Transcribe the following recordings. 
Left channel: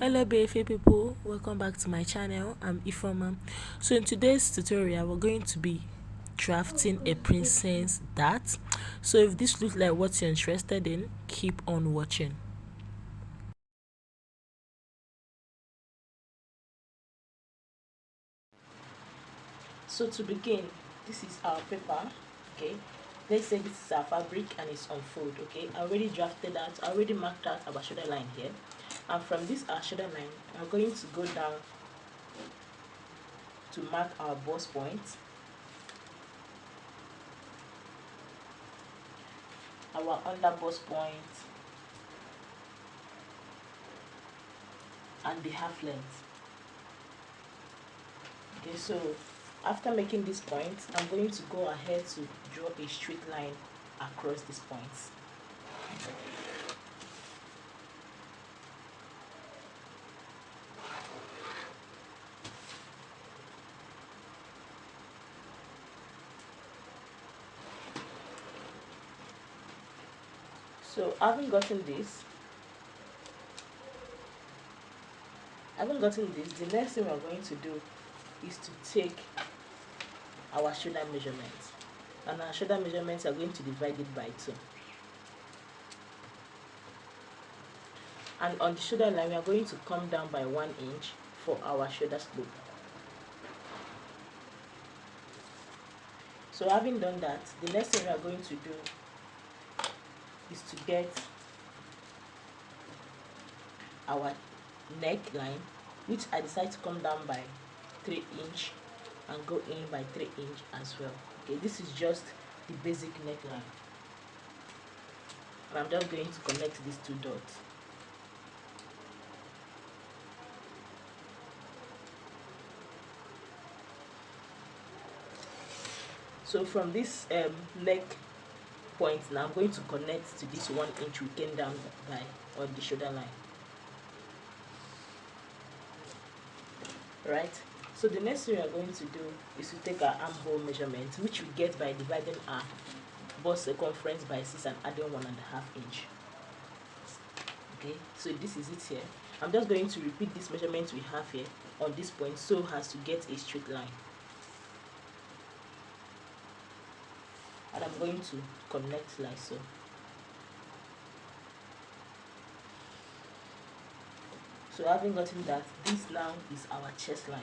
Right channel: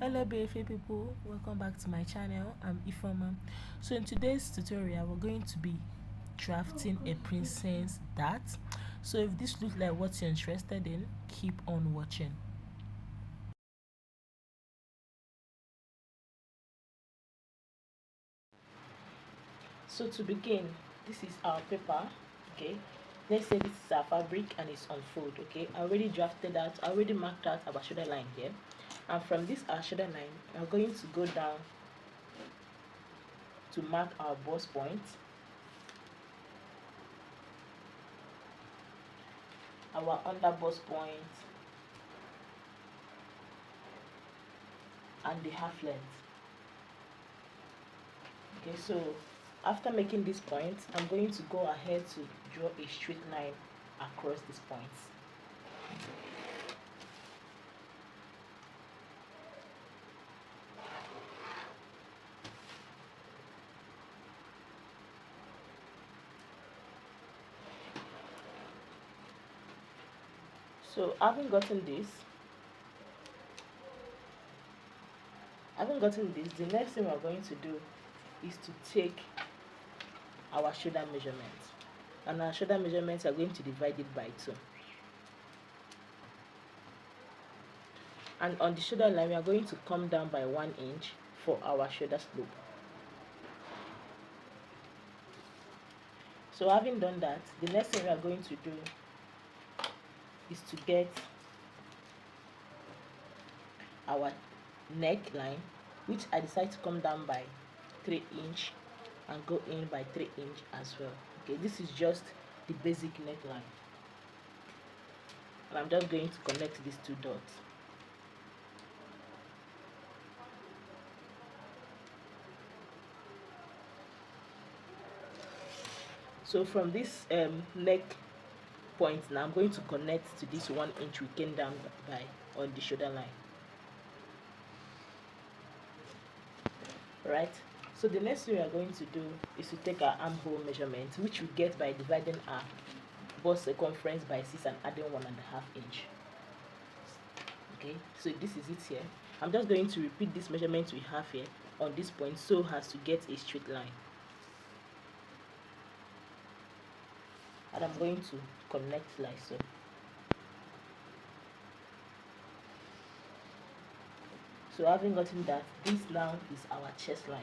Hello beautiful people, welcome back to my channel. I'm Ifoma. So in today's tutorial we're going to be drafting a princess dart. So if this looks like what you're interested in, keep on watching. So to begin, this is our paper. Okay, let's say this is our fabric and it's on fold. Okay, I already drafted that, I already marked out our shoulder line here, and from this our shoulder line we're going to go down to mark our bust point, our under bust point, and the half length. Okay, so after making this point, I'm going to go ahead to draw a straight line across these points. So having gotten this, the next thing we're going to do is to take our shoulder measurements, and our shoulder measurements are going to divide it by 2. And on the shoulder line, we are going to come down by 1 inch for our shoulder slope. So having done that, the next thing we are going to do is to get our neckline, which I decide to come down by 3 inch and go in by 3 inch as well. Okay, this is just the basic neckline, and I'm just going to connect these 2 dots. So from this neck point now, I'm going to connect to this 1 inch we came down by on the shoulder line. Right, so the next thing we are going to do is to take our armhole measurement, which we get by dividing our bust circumference by 6 and adding 1.5 inch. Okay, so this is it here. I'm just going to repeat this measurement we have here on this point so as to get a straight line, and I'm going to connect like so. So having gotten that, this now is our chest line.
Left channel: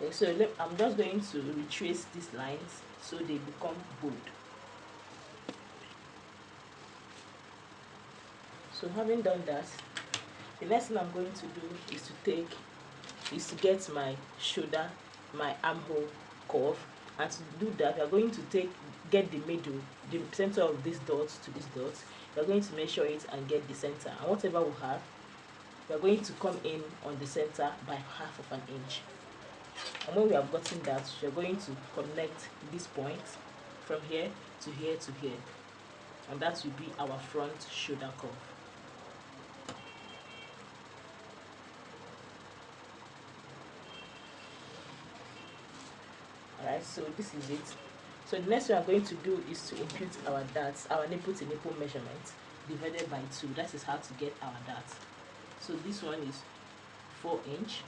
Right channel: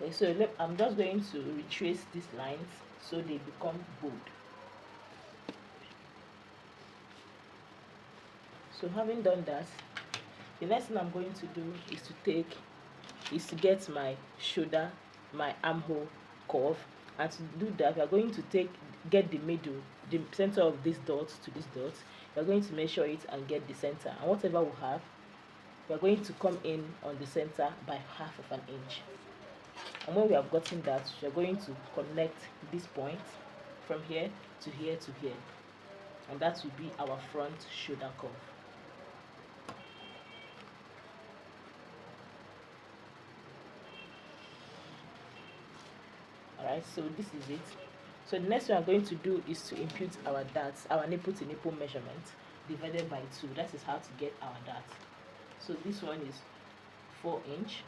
Okay, so I'm just going to retrace these lines so they become bold. So having done that, the next thing I'm going to do is to get my shoulder, my armhole curve, and to do that we are going to get the middle, the center of this dot to this dot. We are going to measure it and get the center, and whatever we have, we are going to come in on the center by 1/2 inch. And when we have gotten that, we are going to connect this point from here to here to here, and that will be our front shoulder curve. Alright, so this is it. So the next thing I'm going to do is to impute our darts, our nipple to nipple measurement divided by 2. That is how to get our dart. So this one is 4 inch,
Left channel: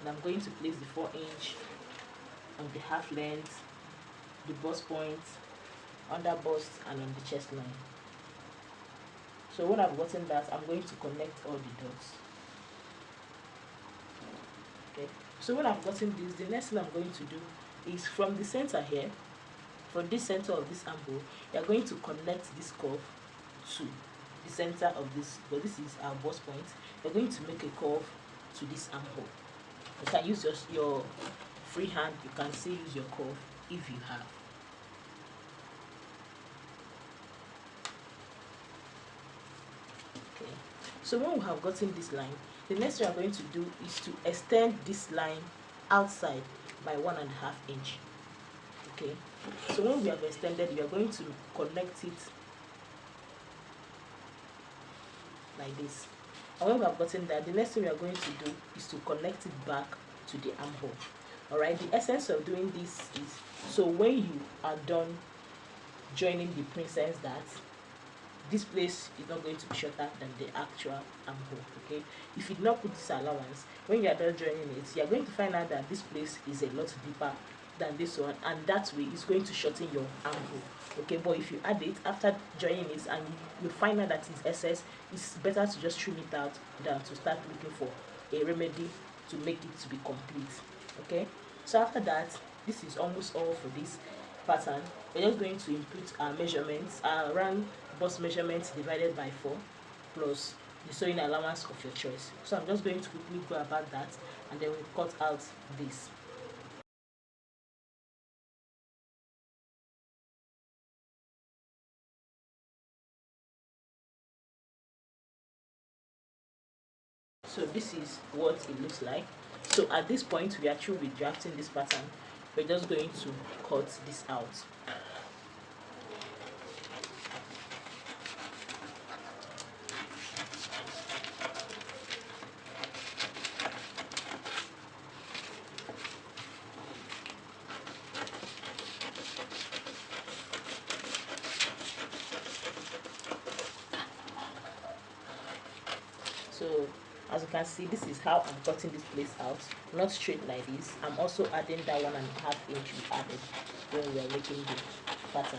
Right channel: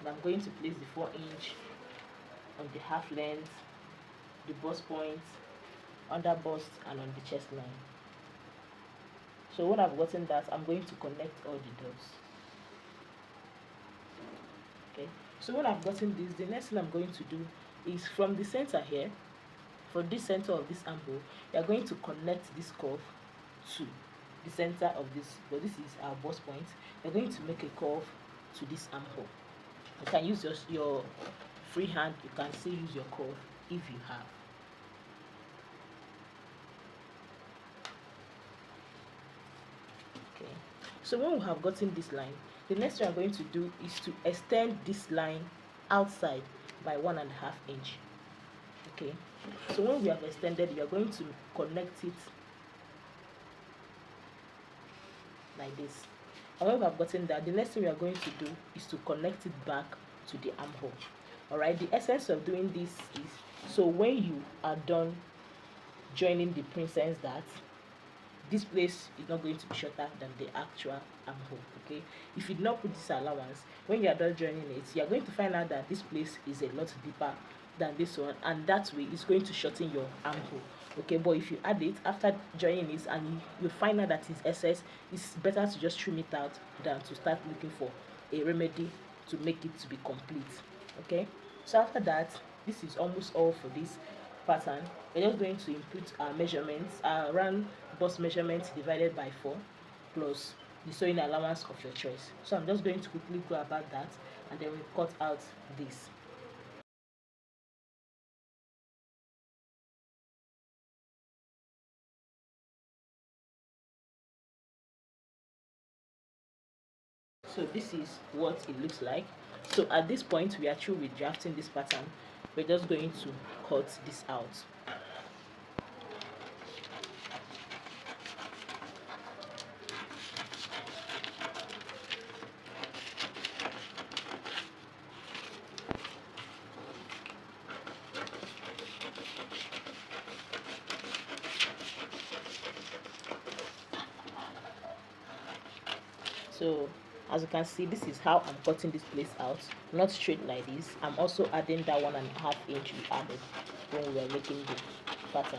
and I'm going to place the 4 inch on the half length, the bust point, under bust, and on the chest line. So when I've gotten that, I'm going to connect all the dots. Okay, so when I've gotten this, the next thing I'm going to do is from the center here, from this center of this armhole, we are going to connect this curve to the center of this, but this is our bust point. We're going to make a curve to this armhole. You can use your free hand, you can still use your curve if you have. Okay, so when we have gotten this line, the next thing I'm going to do is to extend this line outside by 1.5 inch. Okay, so when we have extended, we are going to connect it like this. And when we have gotten that, the next thing we are going to do is to connect it back to the armhole. Alright, the essence of doing this is, so when you are done joining the princess dart, this place is not going to be shorter than the actual armhole. Okay, if you do not put this allowance, when you are done joining it, you are going to find out that this place is a lot deeper than this one, and that way it's going to shorten your armhole. Okay, but if you add it after joining it and you find out that it's excess, it's better to just trim it out than to start looking for a remedy to make it to be complete. Okay, so after that, this is almost all for this pattern. We're just going to input our measurements, our round bust measurements divided by 4 plus the sewing allowance of your choice. So I'm just going to quickly go about that, and then we'll cut out this. So this is what it looks like. So at this point, we are through with drafting this pattern. We're just going to cut this out. So as you can see, this is how I'm cutting this place out, not straight like this. I'm also adding that 1.5 inch we added when we are making the pattern.